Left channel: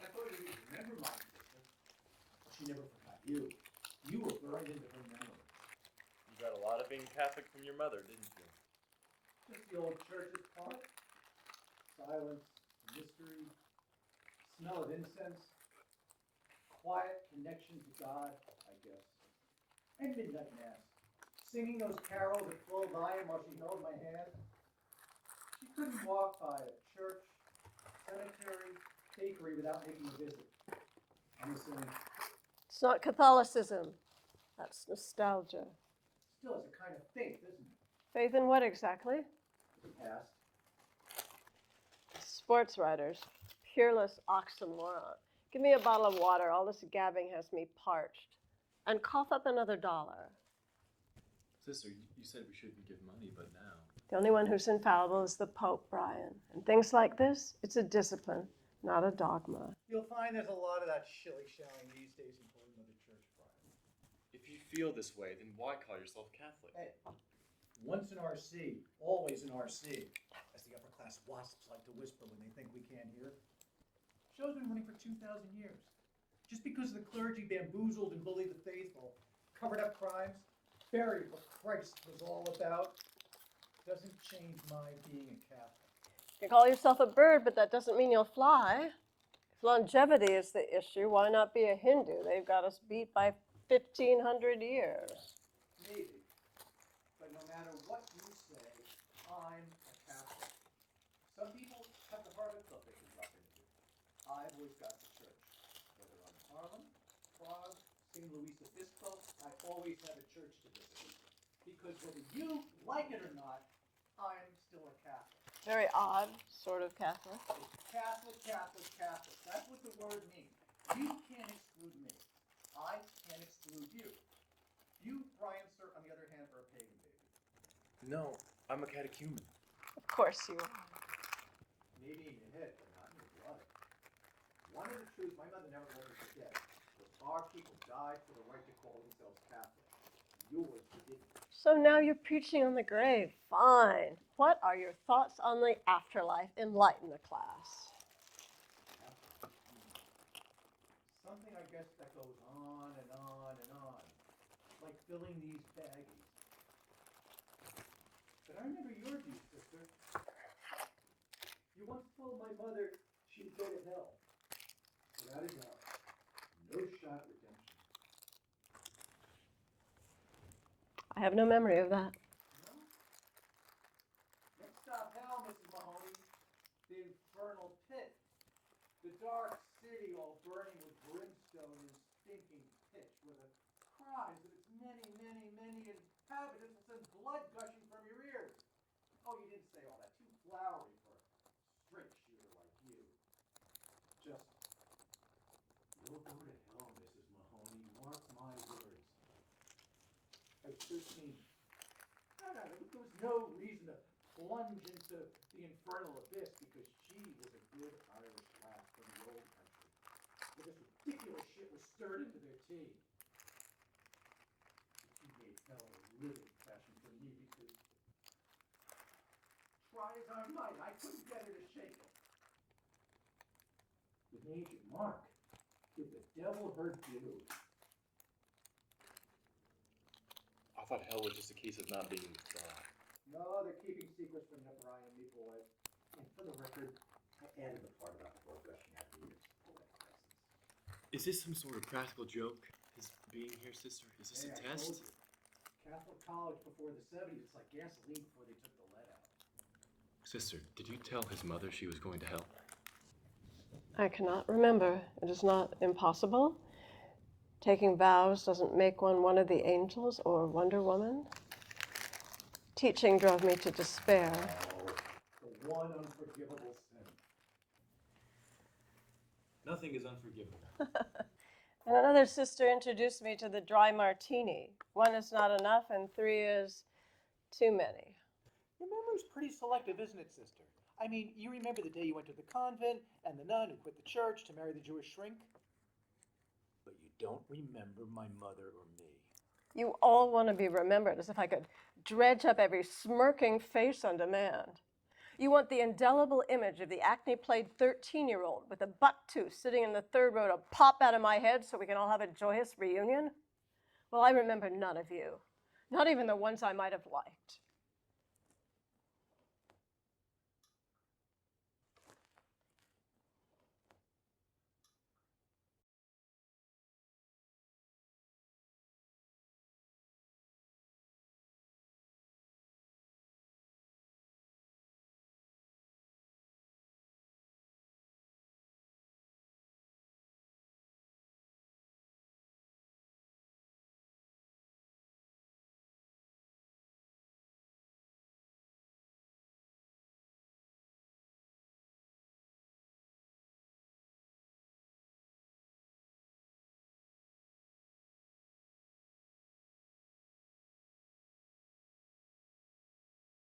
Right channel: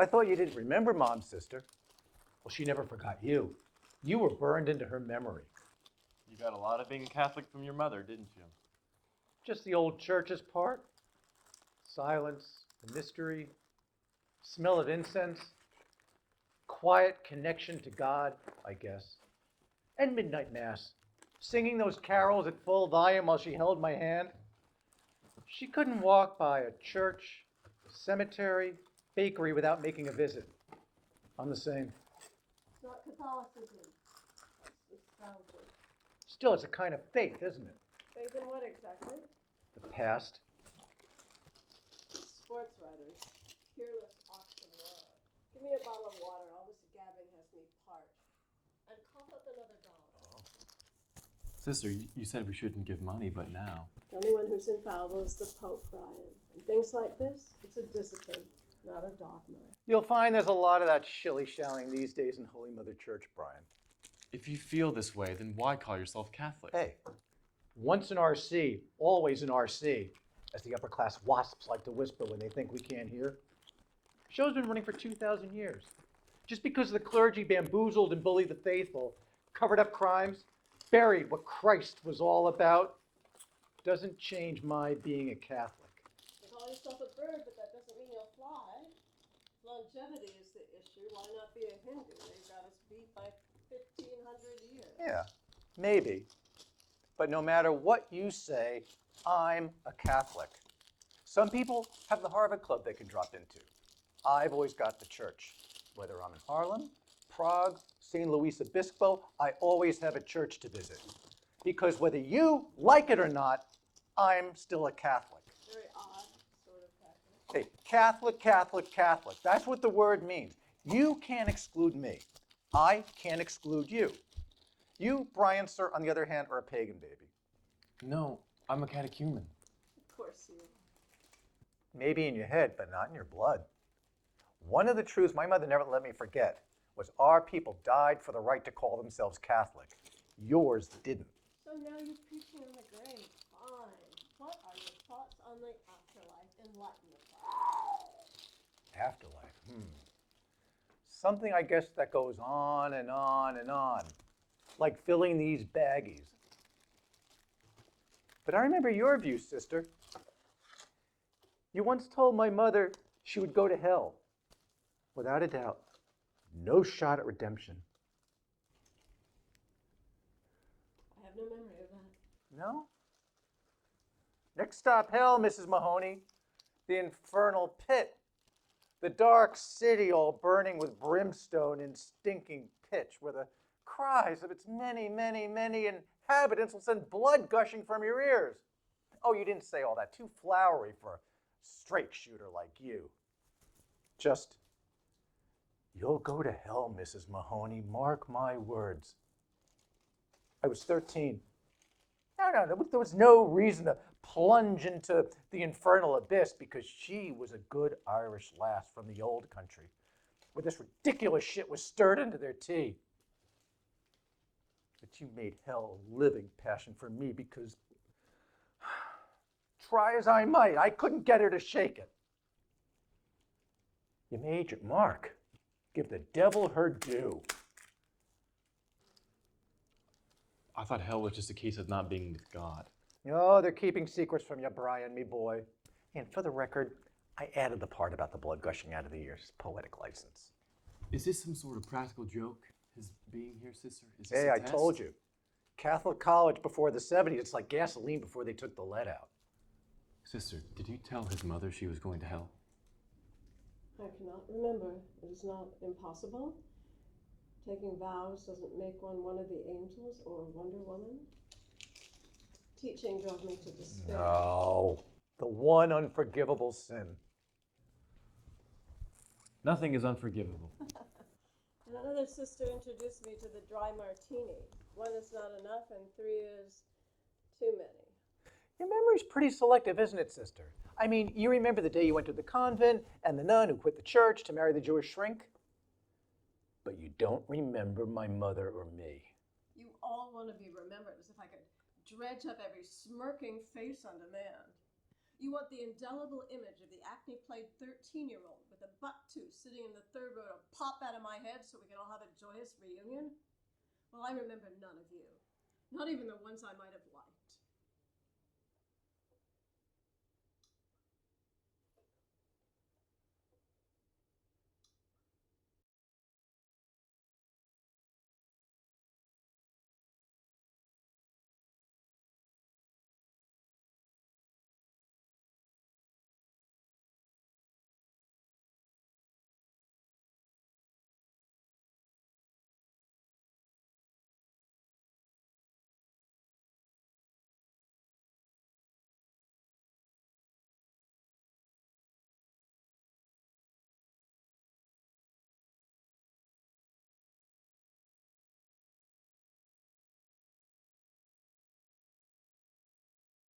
I thought you didn't remember Mom's sister. Well, she never forgot you. You were burned into her memory. You got a lot of being Catholic from your mother, didn't you? Just the old church's part. Silence, the mystery, smell of incense, quiet connection to God, I guess. And midnight mass, singing those carols at full volume while she held my hand. She couldn't walk by a church, cemetery, bakery without making a visit. I'm the same. It's not Catholicism. That's nostalgia. Still, it's a kind of faith, isn't it? Faith in what exactly? The past. Sports writers. Peerless oxymoron. Give me a bottle of water. All this gabbing has me parched. And cough up another $1. Sister, you said we shouldn't give money, but now. The only one who's infallible is the Pope, Brian. And things like this, it's a discipline, not a dogma. You'll find there's a lot of that shilly-shallying these days in Holy Mother Church, Brian. If you feel this way, then why call yourself Catholic? Hey, once an RC, always an RC, as the upper-class wasps like to whisper when they think we can't hear. Show's been running for 2,000 years. Just because the clergy bamboozled and bullied the faithful, covered up crimes, buried what Christ was all about, doesn't change my being a Catholic. You call yourself a bird, but that doesn't mean you'll fly. If longevity is the issue, why not be a Hindu? They've got us beat by 1,500 years. Yeah, maybe. But no matter what you say, I'm a Catholic. Some people have the Harvard Club they can drop into. I've always got the church. Whether I'm in Harlem, Prague, St. Louis Obispo, I always have a church to visit. Because whether you like it or not, I'm still a Catholic. Very odd sort of Catholic. Hey, Catholic, Catholic, Catholic. That's what the word means. You can't exclude me. I can't exclude you. You, Brian, sir, on the other hand, are a pagan baby. No, I'm a catechumen. Of course you are. Maybe in your head, but not in your blood. One of the truths my mother never let me forget was our people died for the right to call themselves Catholic. Yours didn't. So now you're preaching on the grave. Fine. What are your thoughts on the afterlife? Enlighten the class. Afterlife. Something, I guess, that goes on and on and on, like filling these baggies. But I remember your view, sister. You once told my mother she would go to hell. Without a doubt, no shot at redemption. I have no memory of that. No? Next stop, hell, Mrs. Mahoney. The infernal pit. The dark city all burning with brimstone and stinking pitch, where the cries of its many, many, many inhabitants will send blood gushing from your ears. Oh, you didn't say all that. Too flowery for a straight shooter like you. Just, you'll go to hell, Mrs. Mahoney. Mark my words. I was 13. No, there was no reason to plunge into the infernal abyss because she was a good Irish lass from the old country, where this ridiculous shit was stirred into their tea. But you made hell a living passion for me because, try as I might, I couldn't get her to shake it. You made your mark. Give the devil her due. I thought hell was just a case of not being with God. Oh, they're keeping secrets from you, Brian, me boy. And for the record, I added the part about the blood gushing out of the ears. Poetic license. Is this some sort of practical joke, his being here, sister? Is this Hey, a I test? told you. Catholic college before the 70s, it's like gasoline before they took the lead out. Sister, did you tell his mother she was going to hell? I cannot remember. It is not impossible. Taking vows doesn't make one of the angels or Wonder Woman. Teaching drove me to despair. No, the one unforgivable sin. Nothing is unforgivable. And another sister introduced me to the dry martini. 1 is not enough and 3 is too many. Your memory's pretty selective, isn't it, sister? I mean, you remember the day you went to the convent and the nun who quit the church to marry the Jewish shrink? But you don't remember my mother or me. You all want to be remembered, as if I could dredge up every smirking face on demand. You want the indelible image of the acne-plagued 13-year-old with a buck tooth sitting in the third row to pop out of my head so we can all have a joyous reunion? Well, I remember none of you, not even the ones I might have liked.